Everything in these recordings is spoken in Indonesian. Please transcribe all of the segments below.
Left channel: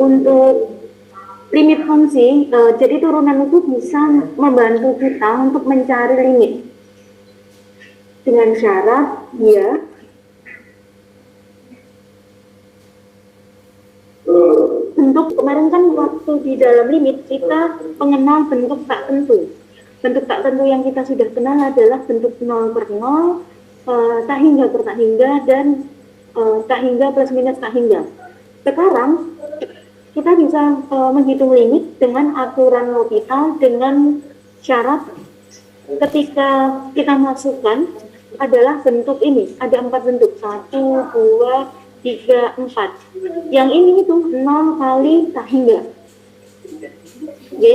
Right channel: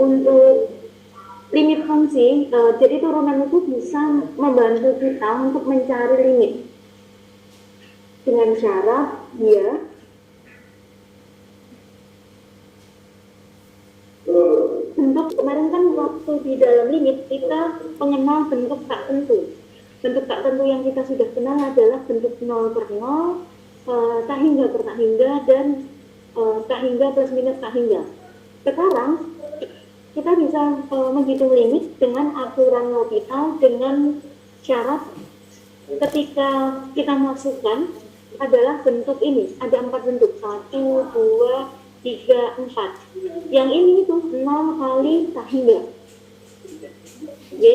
untuk limit fungsi, jadi turunan itu bisa membantu kita untuk mencari limit dengan syarat dia bentuk. Kemarin kan waktu di dalam limit kita mengenal bentuk tak tentu. Bentuk tak tentu yang kita sudah kenal adalah bentuk 0 per 0, tak hingga per tak hingga, dan tak hingga plus minus tak hingga. Sekarang kita bisa menghitung limit dengan aturan L'Hopital dengan syarat ketika kita masukkan adalah bentuk ini. Ada 4 bentuk, 1, 2, 3, 4. Yang ini itu 0 kali tak hingga. Oke?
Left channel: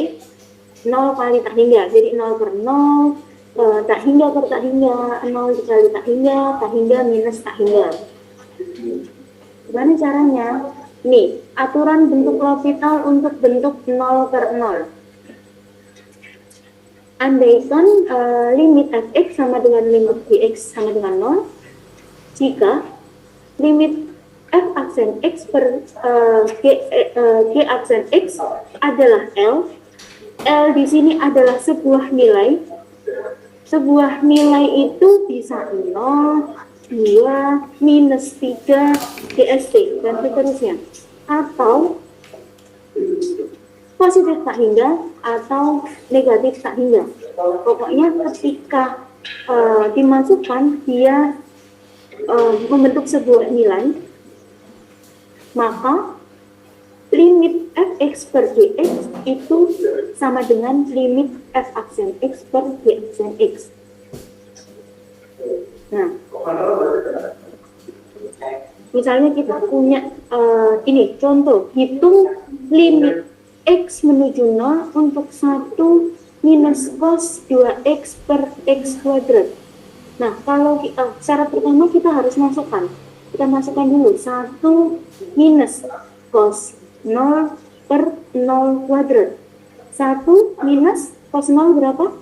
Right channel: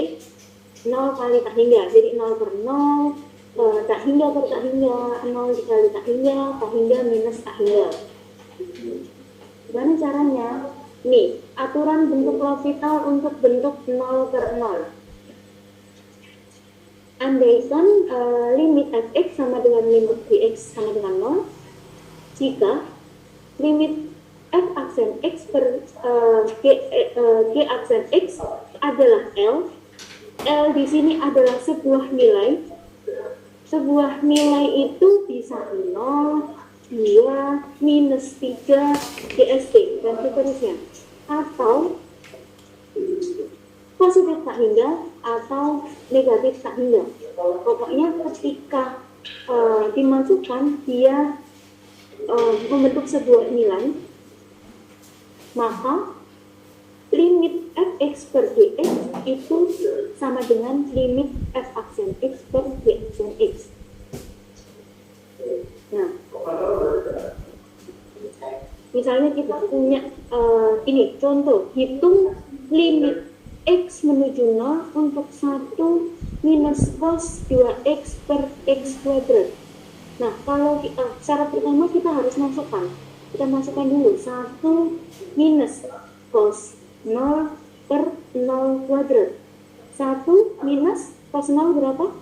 0 kali tak hingga. Jadi 0 per 0, tak hingga per tak hingga, 0 dikali tak hingga minus tak hingga. Gimana caranya? Nih, aturan bentuk L'Hopital untuk bentuk 0 per 0. Andaikan limit fx sama dengan limit gx sama dengan 0, jika limit f aksen x per g aksen x adalah L di sini adalah sebuah nilai. Sebuah nilai itu bisa 0, 2, minus 3, GST, dan seterusnya. Atau positif tak hingga atau negatif tak hingga. Pokoknya ketika dimasukkan dia membentuk sebuah nilai, maka limit fx per gx itu sama dengan limit f aksen x per g aksen x. Nah, misalnya kita punya ini contoh, hitung limit x menuju 0 untuk 1 minus cos 2x per x kuadrat. Nah, kalau syarat pertama kita harus masukkan. Kita masukkan dulu 1 minus cos 0 per 0 kuadrat. 1 minus cos 0 berapa?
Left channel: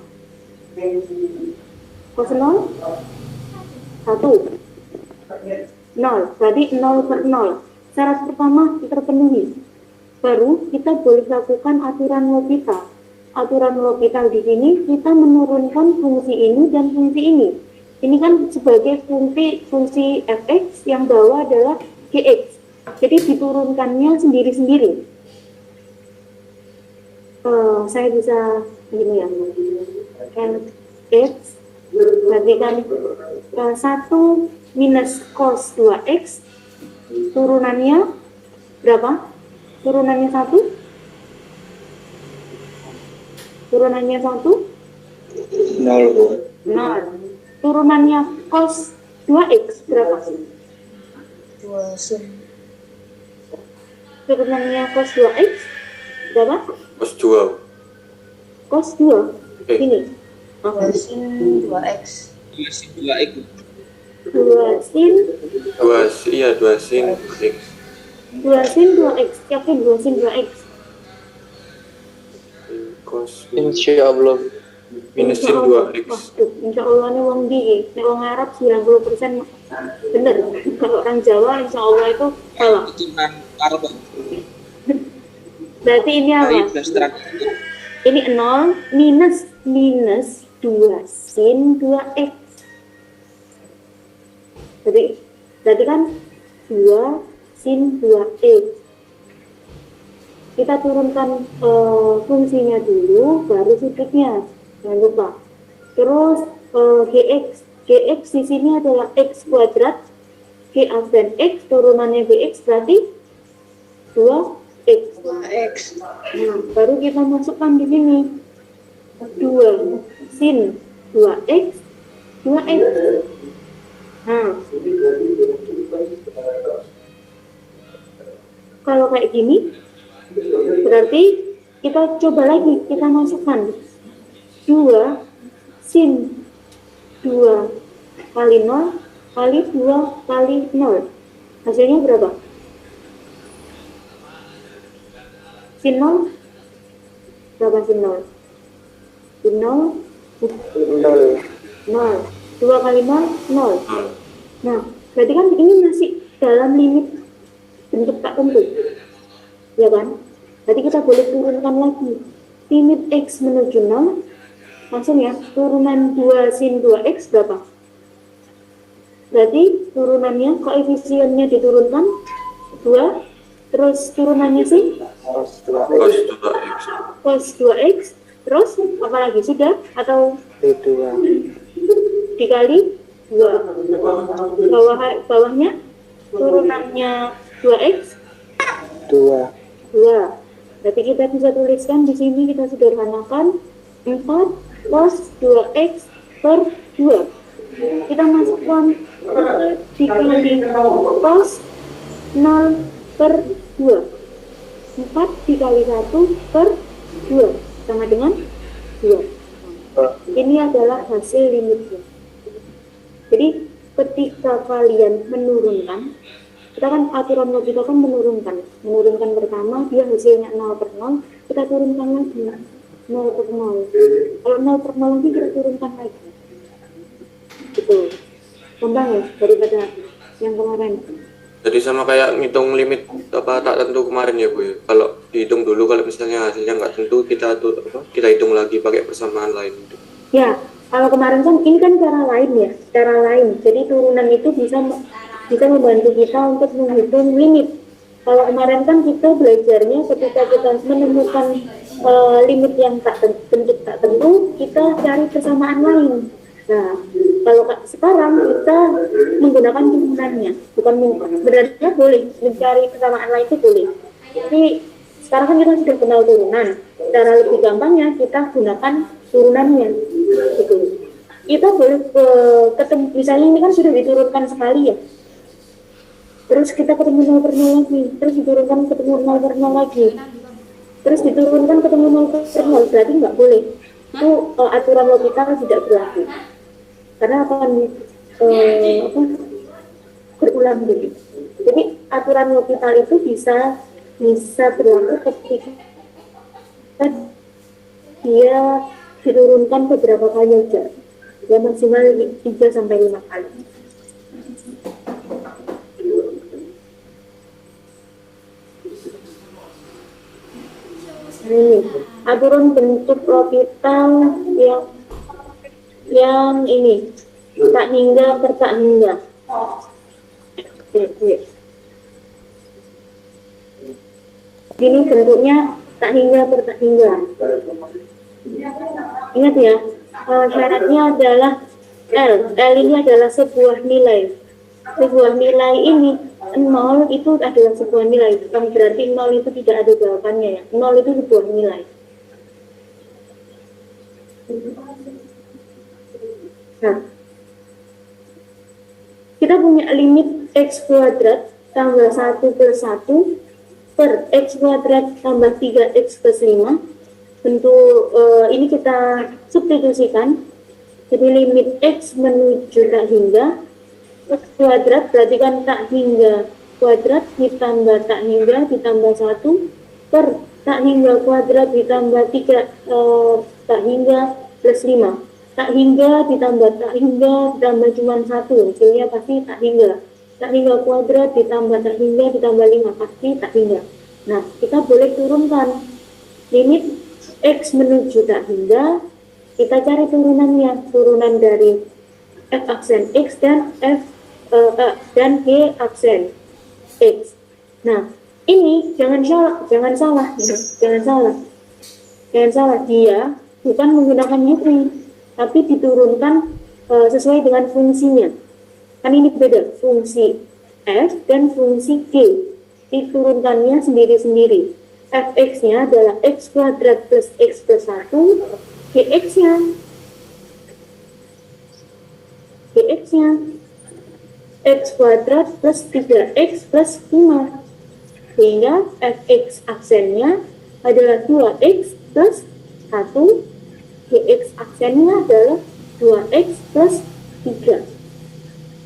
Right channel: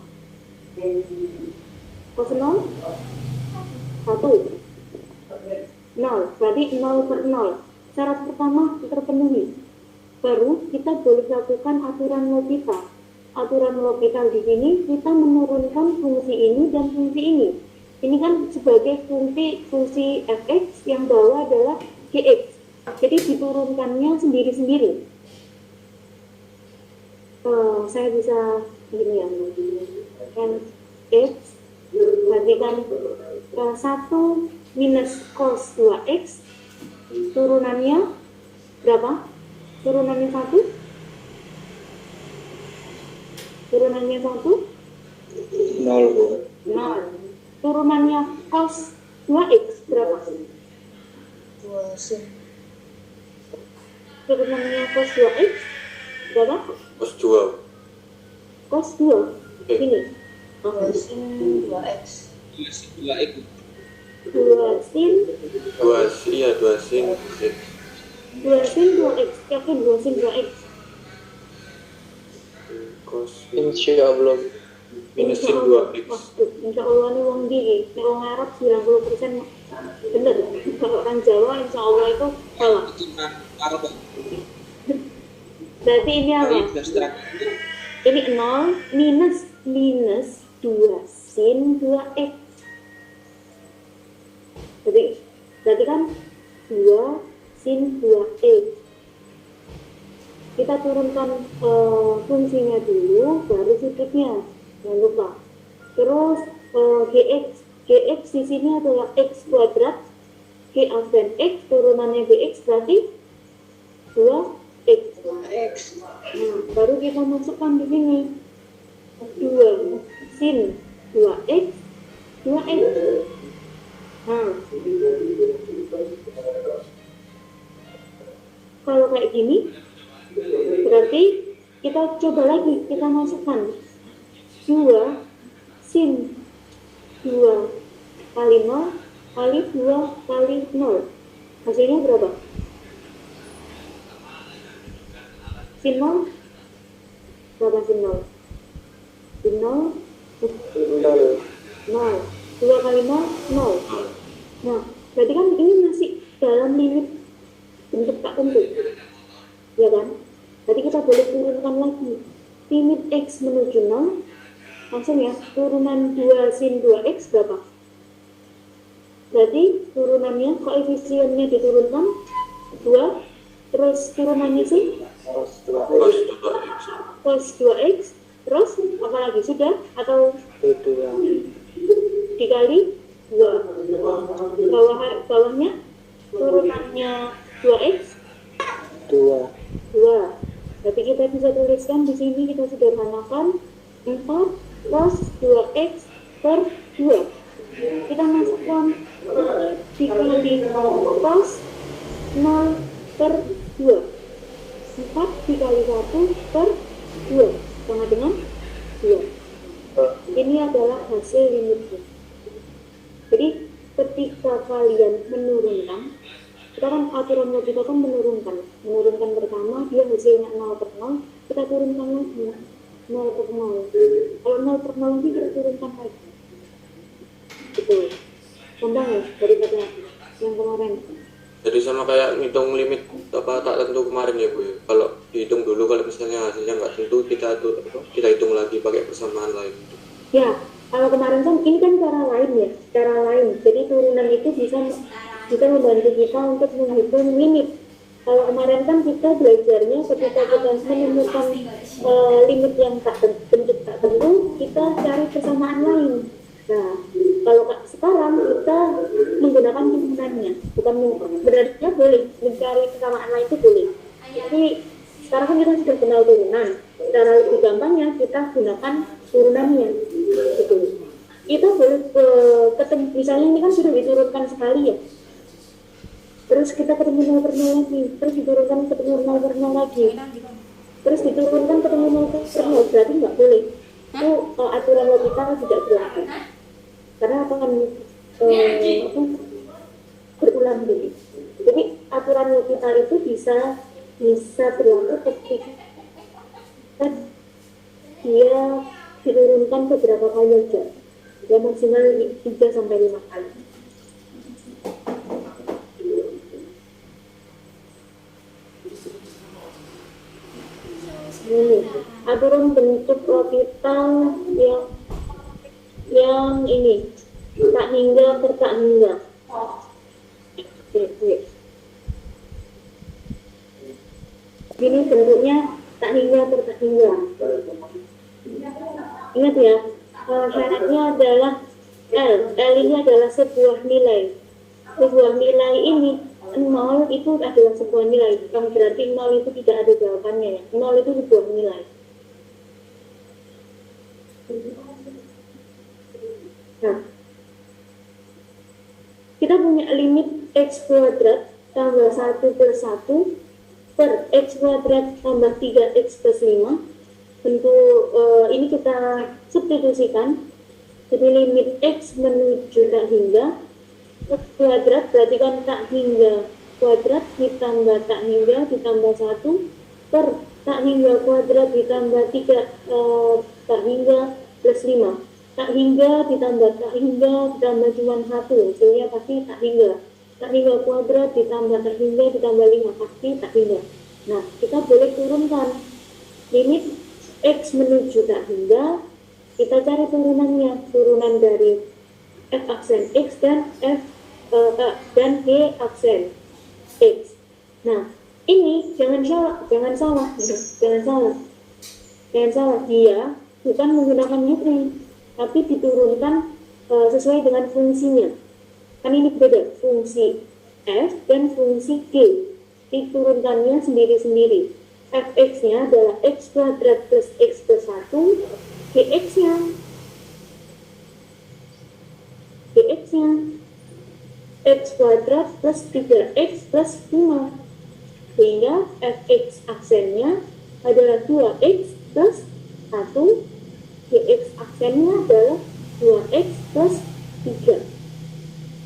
Cos 0? 1. 0, berarti 0 per 0. Syarat pertama terpenuhi. Baru kita boleh lakukan aturan L'Hopital. Aturan L'Hopital di sini kita menurunkan fungsi ini dan fungsi ini. Ini kan sebagai fungsi fx yang bawah adalah gx. Jadi diturunkannya sendiri-sendiri. Saya bisa gini ya. X berarti kan 1 minus cos 2x turunannya berapa? Turunannya 1? Turunannya 1? 0. Turunannya cos 2x berapa? 2 sin. Turunannya cos 2x berapa? Cos 2. Cos 2 ini 2 sin 2x. 2 sin 2x. 2 sin 2 sin x. 2 sin 2x. Yakin 2 sin 2x? Cos Insya Allah. minus sin 2x. Insya Allah ini wong di wong Arab 90% bener. Kalau orang Jawa Insya Allah itu salah. Itu kan Arab. Berarti ini apa? Ini 0 minus 2 sin 2x. Berarti kan 2 sin 2x. Kita turunkan fungsinya dulu, baru sudutnya. Jangan lupa. Terus gx di sini adalah x kuadrat, g aksen x turunannya bx berarti 2x. 2x. Nah, baru kita masukkan di sini 2 sin 2x 2x. Nah, kalau kayak gini berarti kita coba lagi, kita masukkan 2 sin 2 kali 0 kali 2 kali 0. Hasilnya berapa? Sin 0? Berapa sin 0? Sin 0? 0. 2 kali 0? 0. Nah, berarti kan ini masih dalam limit bentuk tak tentu. ya kan? Berarti kita boleh turunkan lagi. Limit X menuju 0, langsung ya, turunan 2 sin 2X berapa? Berarti turunannya, koefisiennya diturunkan 2, terus turunannya sih Cos 2X. cos 2X, terus apa lagi sudah? Atau B2 dikali 2. Bawahnya turunannya 2X 2 2. Berarti kita bisa tuliskan di sini, kita sederhanakan 4 cos 2X per 2. Kita masukkan dikali cos 0 per 2. 4 dikali 1 per 2 sama dengan 2. Ini adalah hasil limitnya. Jadi ketika kalian menurunkan, kita kan aturan logika kan menurunkan pertama, dia hasilnya 0 per 0, kita turunkan lagi 0 per 0. Kalau 0 per 0 lagi kita turunkan lagi. Gitu. Gampang ya daripada yang kemarin. Jadi sama kayak ngitung limit apa tak tentu kemarin ya Bu ya. Kalau dihitung dulu, kalau misalnya hasilnya nggak tentu, kita hitung lagi pakai persamaan lain. Ya, kalau kemarin kan ini kan cara lain ya, cara lain. Jadi turunan itu bisa membantu kita untuk menghitung limit. Kalau kemarin kan kita belajarnya ketika kita menemukan limit yang bentuk tak tentu, kita cari persamaan lain. Nah, kalau sekarang kita menggunakan turunannya, bukan sebenarnya boleh mencari persamaan lain itu boleh. Jadi sekarang kan kita sudah kenal turunan. Cara lebih gampangnya kita gunakan turunannya. Gitu. Kita boleh ketemu, misalnya ini kan sudah diturunkan sekali ya. Terus kita ketemu 0 per 0 lagi, terus diturunkan ketemu 0 per 0 lagi, terus diturunkan ketemu 0 per 0, berarti nggak boleh. Itu aturan logika tidak berlaku. Karena akan berulang dulu. Jadi aturan logika itu bisa berlaku ketika dia diturunkan beberapa kali aja, ya maksimal 3-5 kali. Ini aturan bentuk orbital yang ini tak hingga per tak hingga. Ini bentuknya tak hingga per tak hingga. Ingat ya, syaratnya adalah L ini adalah sebuah nilai. Sebuah nilai ini 0 itu adalah sebuah nilai, bukan berarti 0 itu tidak ada jawabannya ya. 0 itu sebuah nilai. Nah, kita punya limit x kuadrat tambah 1 per 1 per x kuadrat tambah 3x plus 5. Bentuk ini kita substitusikan. Jadi limit x menuju tak hingga x kuadrat, berarti kan tak hingga kuadrat ditambah tak hingga ditambah 1 per tak hingga kuadrat ditambah 3 tak hingga plus 5. Tak hingga ditambah tak hingga ditambah cuma 1, hasilnya pasti tak hingga. Tak hingga kuadrat ditambah tak hingga ditambah 5, pasti tak hingga. Nah, kita boleh turunkan limit x menuju tak hingga. Kita cari turunannya, turunan dari f aksen x dan dan g aksen x. Nah, ini jangan salah, dia bukan menggunakan U, tapi diturunkan sesuai dengan fungsinya. Kan ini beda, fungsi f dan fungsi g. Diturunkannya sendiri-sendiri. Fx-nya adalah x kuadrat plus x plus 1, gx-nya x kuadrat plus 3x plus 5. Sehingga fx aksennya adalah 2x plus 1, gx aksennya adalah 2x plus 3.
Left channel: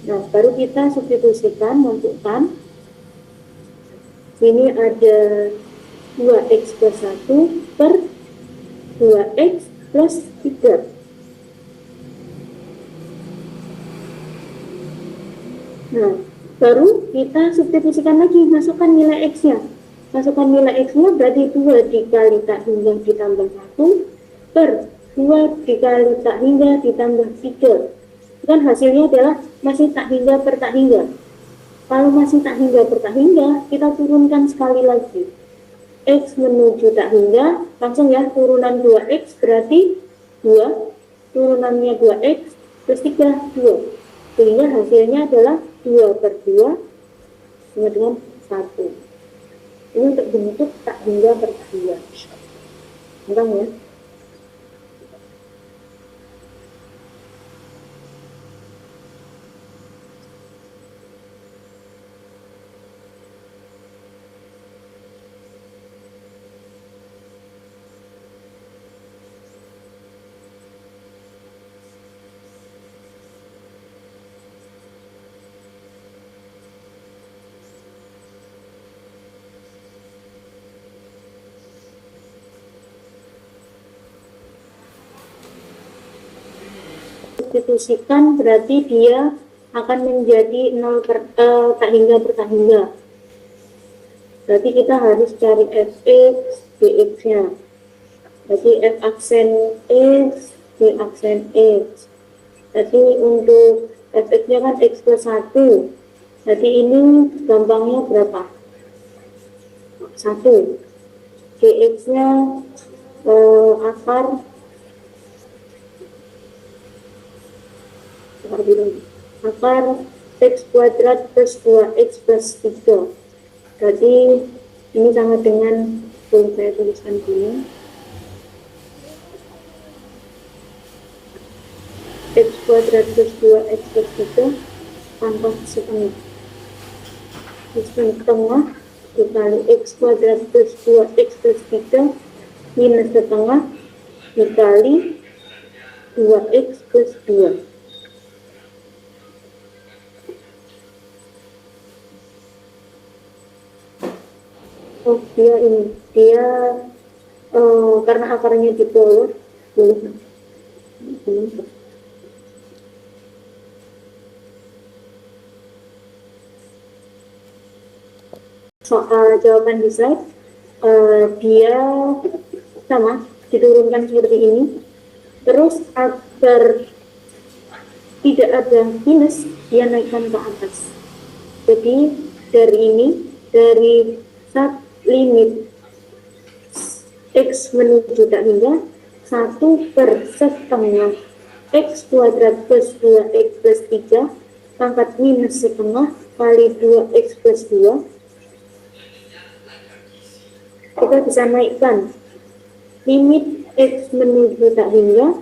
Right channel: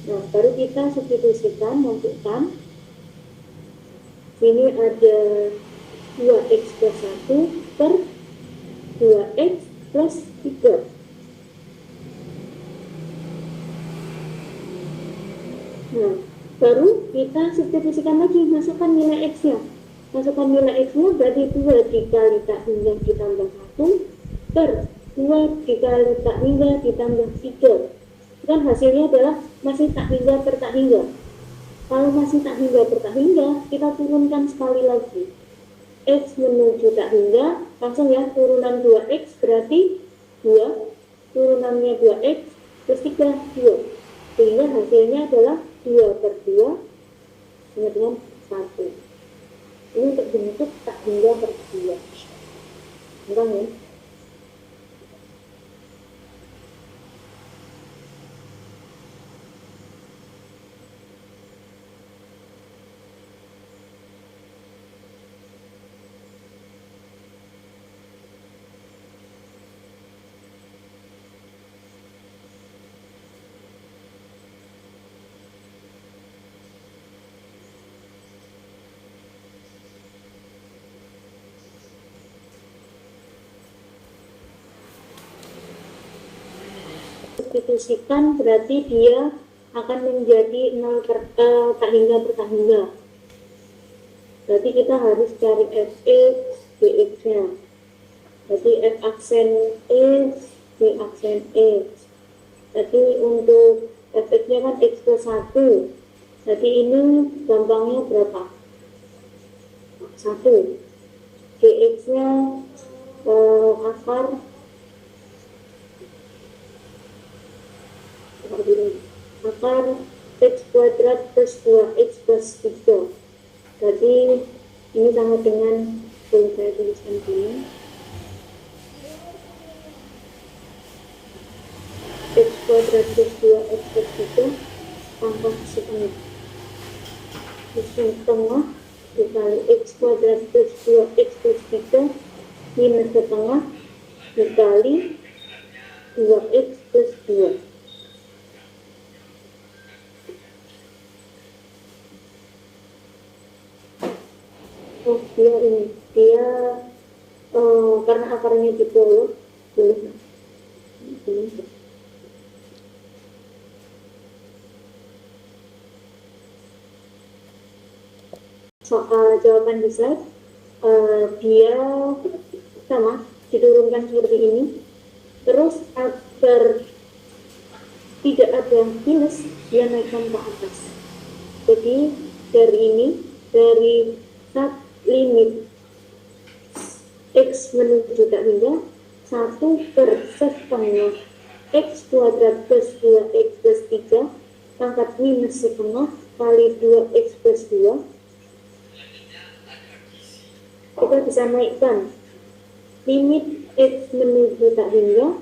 Nah, baru kita substitusikan, masukkan. Sini ada 2x plus 1 per 2x plus 3. Nah, baru kita substitusikan lagi, masukkan nilai x-nya. Masukkan nilai X-nya berarti 2 dikali tak hingga ditambah 1 per 2 dikali tak hingga ditambah 3. Kan hasilnya adalah masih tak hingga per tak hingga. Kalau masih tak hingga per tak hingga, kita turunkan sekali lagi. X menuju tak hingga, langsung ya, turunan 2X berarti 2, turunannya 2X plus 3, 2. Sehingga hasilnya adalah 2 per 2 sama dengan 1. Ini untuk bentuk tak hingga per tak hingga. Gampang ya. Substitusikan berarti dia akan menjadi 0 per tak hingga per tak hingga. Berarti kita harus cari fx dx nya. Berarti f aksen x d aksen x. Jadi untuk fx nya kan x plus 1. Jadi ini gampangnya berapa? 1. dx nya akar x kuadrat plus 2x plus 3. Jadi ini sama dengan, saya tuliskan dulu, x kuadrat plus 2x plus 3 pangkat setengah. X setengah dikali x kuadrat plus 2x plus 3 minus setengah dikali 2x plus 2. Oh, dia karena akarnya di bawah, soal jawaban di slide, dia sama diturunkan seperti ini. Terus agar tidak ada minus, dia naikkan ke atas. Jadi dari ini, dari limit x menuju tak hingga 1 per setengah x kuadrat plus 2x plus 3 pangkat minus setengah kali 2x plus 2. Kita bisa naikkan limit x menuju tak hingga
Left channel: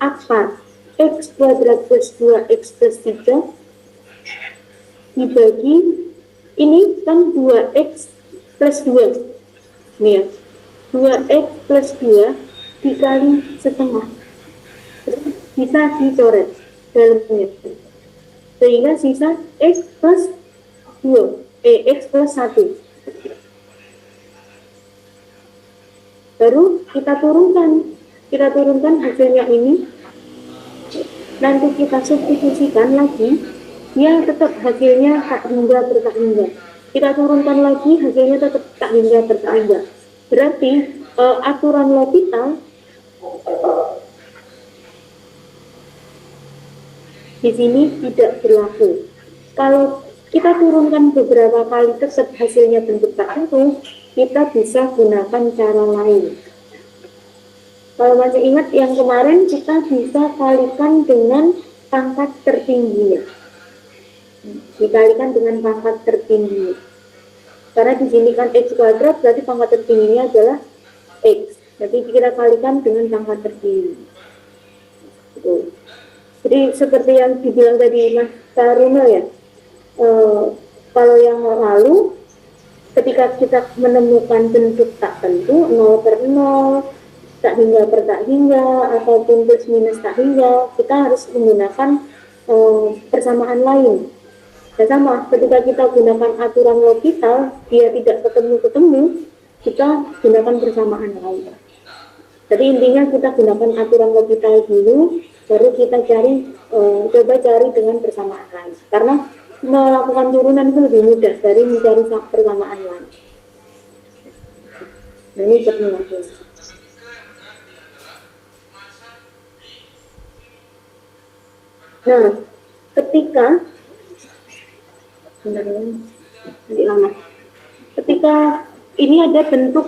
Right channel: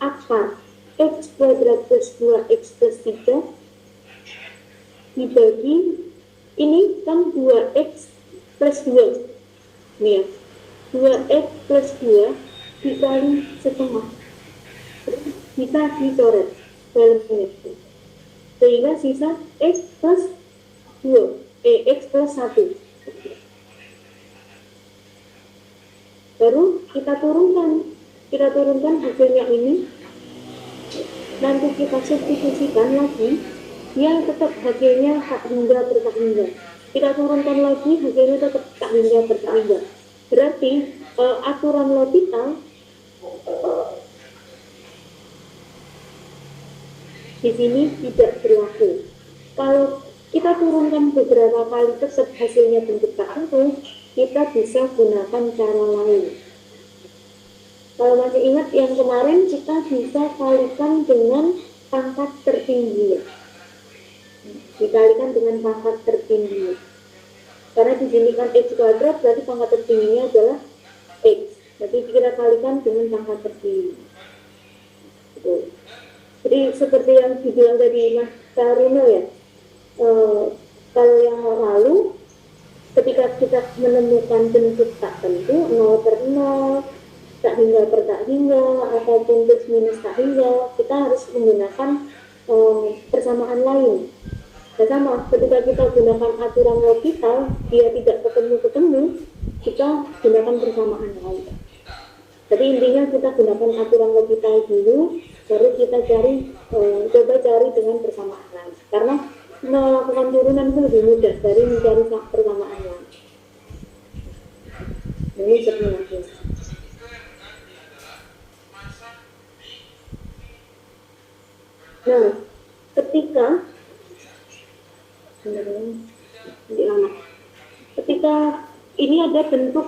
akar x kuadrat plus 2x plus 3 dibagi ini kan 2x plus 2 nih ya, 2x plus 2 dikali setengah bisa dicoret dalam ini sehingga sisa x plus 2 x plus 1. Baru kita turunkan hasilnya ini, nanti kita substitusikan lagi, dia tetap hasilnya tak hingga per tak hingga. Kita turunkan lagi, hasilnya tetap tak hingga per tak hingga. Berarti aturan L'Hopital di sini tidak berlaku. Kalau kita turunkan beberapa kali tetap hasilnya bentuk tak tentu, kita bisa gunakan cara lain. Kalau masih ingat yang kemarin, kita bisa kalikan dengan pangkat tertingginya. Dikalikan dengan pangkat tertinggi. Karena di sini kan x kuadrat, berarti pangkat tertingginya adalah x. Jadi kita kalikan dengan pangkat tertinggi. Jadi seperti yang dibilang tadi Mas Taruna ya, kalau yang lalu ketika kita menemukan bentuk tak tentu 0 per 0, tak hingga per tak hingga, ataupun plus minus tak hingga, kita harus menggunakan persamaan lain. Dan sama, ketika kita gunakan aturan L'Hopital, dia tidak ketemu-ketemu, kita gunakan persamaan lain. Jadi intinya kita gunakan aturan L'Hopital dulu, baru kita coba cari dengan persamaan lain. Karena melakukan turunan itu lebih mudah dari mencari persamaan lain. Ini permulaan. Nah, ketika bentar ya, nanti lama. Ketika ini ada bentuk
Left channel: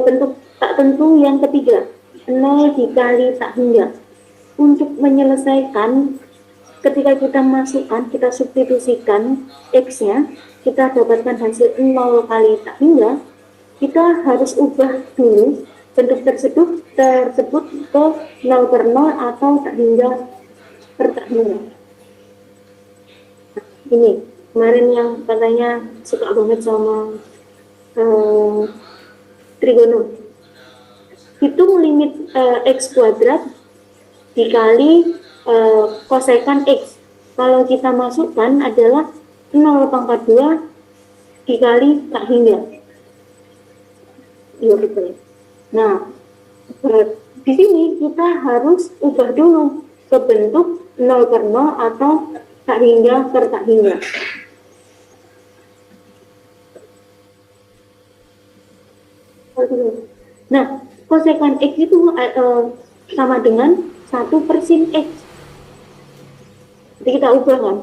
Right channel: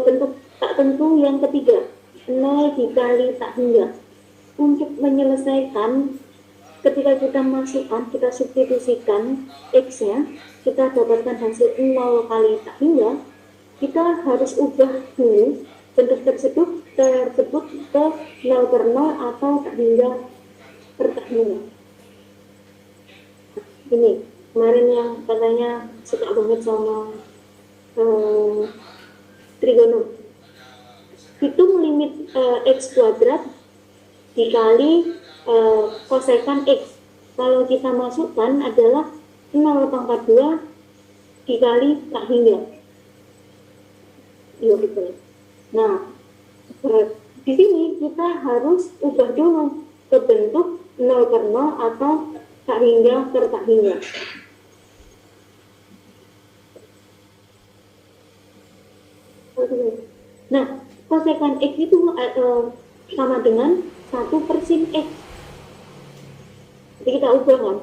bentuk tak tentu yang ketiga, 0 dikali tak hingga. Untuk menyelesaikan, ketika kita masukkan, kita substitusikan X-nya, kita dapatkan hasil 0 kali tak hingga, kita harus ubah dulu bentuk tersebut ke 0 per 0 atau tak hingga per tak hingga. Nah, ini kemarin yang katanya suka banget sama trigono. Hitung limit X kuadrat dikali kosekan X. Kalau kita masukkan adalah 0 pangkat 2 dikali tak hingga. Iya betul. Nah, di sini kita harus ubah dulu ke bentuk 0 per 0 atau tak hingga per tak hingga. Nah, kosekan X itu sama dengan 1 per sin X. Jadi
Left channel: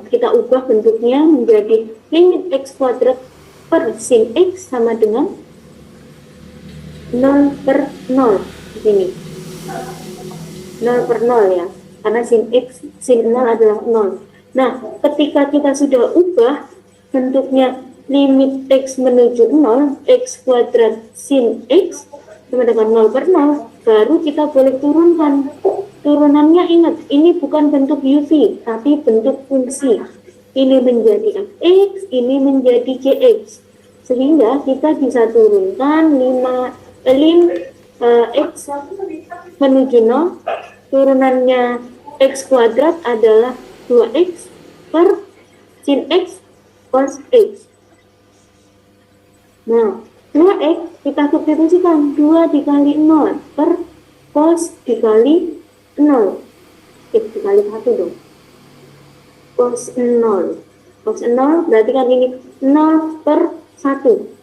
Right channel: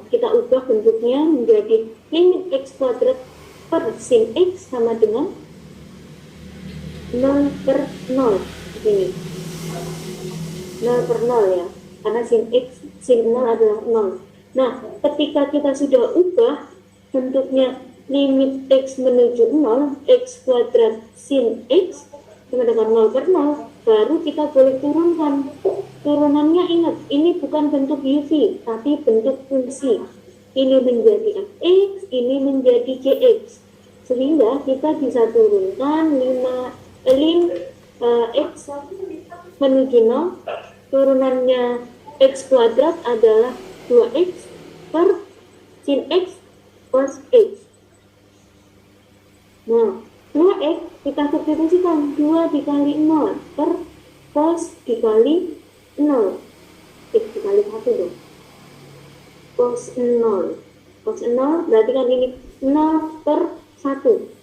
kita ubah bentuknya menjadi limit X kuadrat per sin X sama dengan 0 per 0. Ini 0 per 0 ya, karena sin 0 adalah 0. Nah, ketika kita sudah ubah bentuknya limit X menuju 0, X kuadrat sin X sama dengan 0 per 0, baru kita boleh turunkan. Turunannya ingat, ini bukan bentuk UV, tapi bentuk fungsi. Ini menjadi fx, ini menjadi gx. Sehingga kita bisa turunkan lim x menuju 0, turunannya x kuadrat adalah 2x per sin x cos x. Nah, 2x kita substitusikan 2 dikali 0 per cos dikali 0. X dikali 1 dong. Cos 0. Cos 0 berarti kan ini 0 per 1.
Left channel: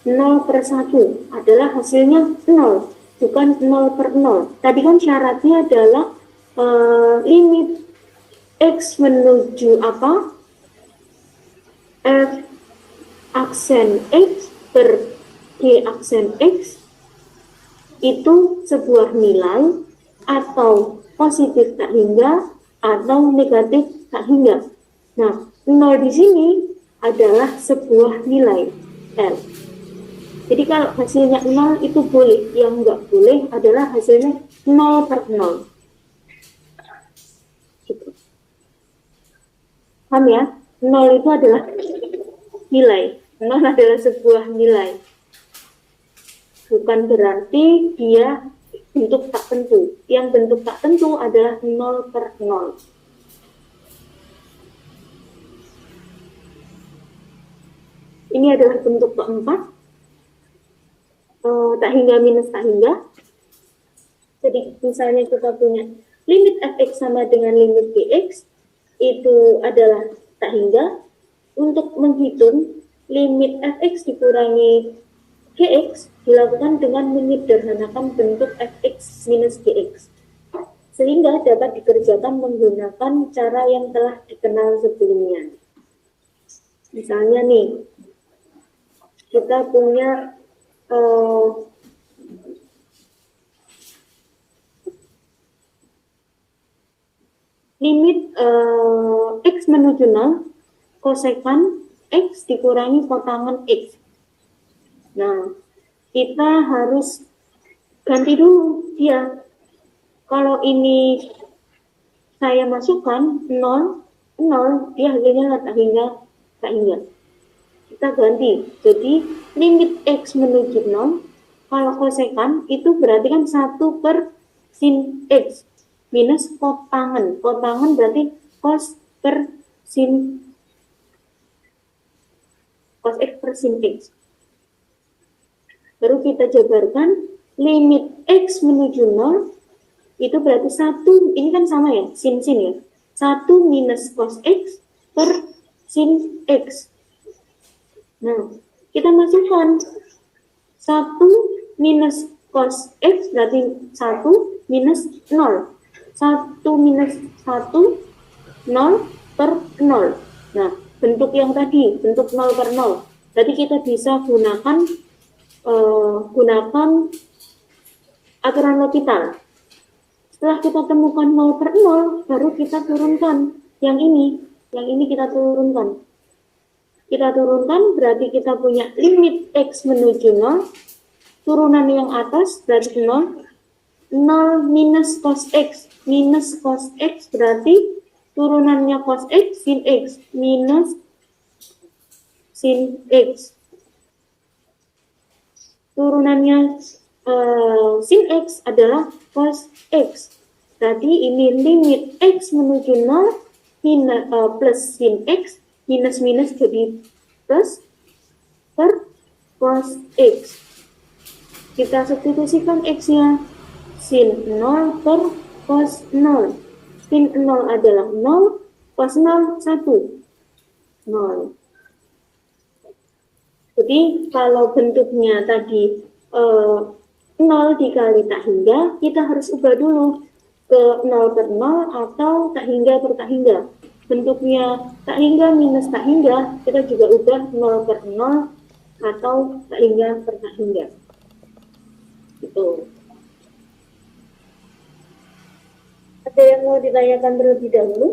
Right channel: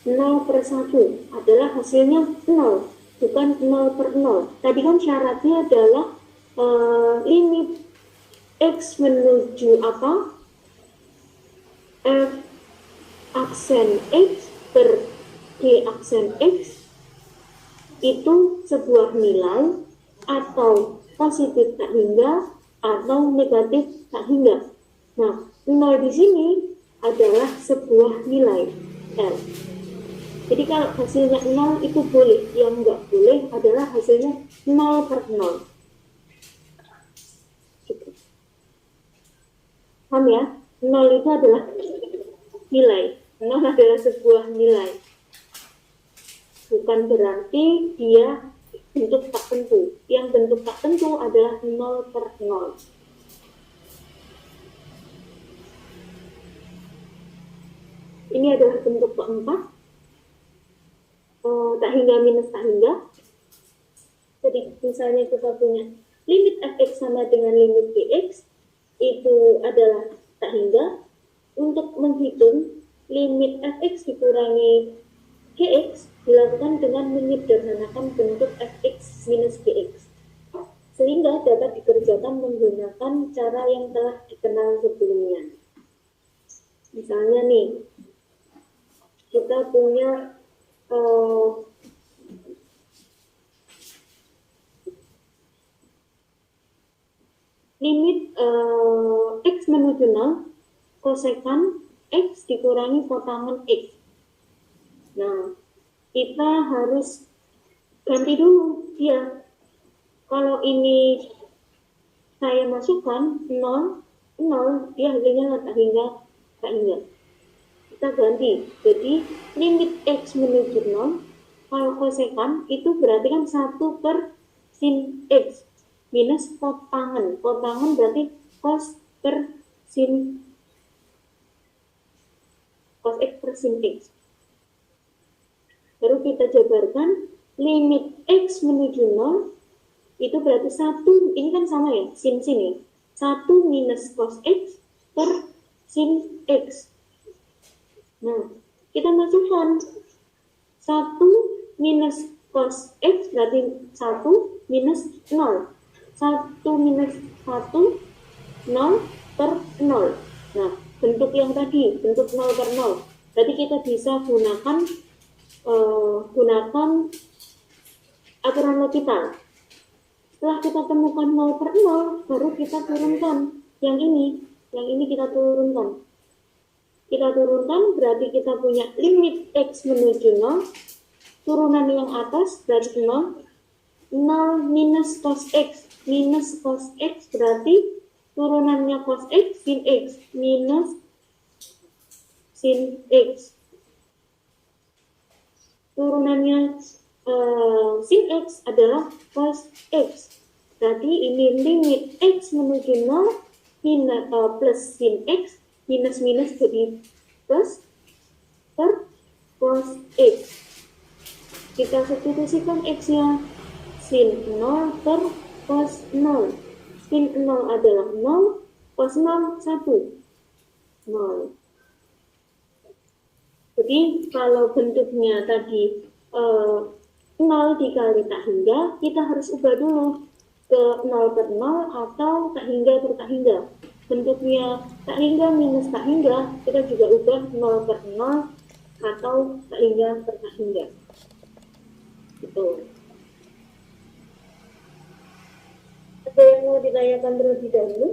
0 per 1 adalah hasilnya 0, bukan 0 per 0. Tadi kan syaratnya adalah limit X menuju apa? F aksen X per G aksen X itu sebuah nilai atau positif tak hingga atau negatif tak hingga. Nah, 0 di sini adalah sebuah nilai L. Jadi kalau hasilnya 0 itu boleh, yang enggak boleh adalah hasilnya 0 per 0. Gitu. Paham ya? 0 itu adalah nilai. 0 adalah sebuah nilai. Bukan berarti dia bentuk tak tentu. Yang bentuk tak tentu adalah 0 per 0. Ini adalah bentuk keempat. Tak hingga minus tak hingga. Jadi misalnya kita punya limit fx sama dengan limit gx, itu adalah tak hingga. Untuk menghitung limit fx dikurangi gx dilakukan dengan menyederhanakan bentuk fx minus gx, sehingga dapat dikerjakan menggunakan cara yang telah dikenal sebelumnya. Misalnya nih, kita punya limit x menuju 0, kosekan x dikurangi kotangan x. Nah, kita harus ganti dulu dia. Kalau ini saya masukkan 0, dia hasilnya tak hingga. Kita ganti. Jadi, limit x menuju 0, kalau kosekan itu berarti kan 1 per sin x minus kotangan. Kotangan berarti cos per sin cos x per sin x. Baru kita jabarkan limit x menuju 0 itu berarti 1, ini kan sama ya, sin ya. 1 minus cos x per sin x. Nah, kita masukkan 1 minus cos X berarti 1 minus 0. 1 minus 1, 0 per 0. Nah, bentuk yang tadi, bentuk 0 per 0. Jadi kita bisa gunakan aturan L'Hopital. Setelah kita temukan 0 per 0, baru kita turunkan yang ini. Yang ini kita turunkan. Kita turunkan berarti kita punya limit X menuju 0. Turunan yang atas berarti 0. 0 minus cos X. Minus cos X berarti turunannya cos X sin X. Minus sin X. Turunannya sin X adalah cos X. Berarti ini limit X menuju 0 plus sin X minus jadi plus per cos X. Kita substitusikan X-nya sin 0 per cos 0. Sin 0 adalah 0, cos 0 1. 0. Jadi kalau bentuknya tadi 0 dikali tak hingga, kita harus ubah dulu ke 0 per 0 atau tak hingga per tak hingga. Bentuknya tak hingga minus tak hingga, kita juga ubah 0 per 0 atau tak hingga per tak hingga. Gitu. Ada yang mau ditanyakan terlebih dahulu?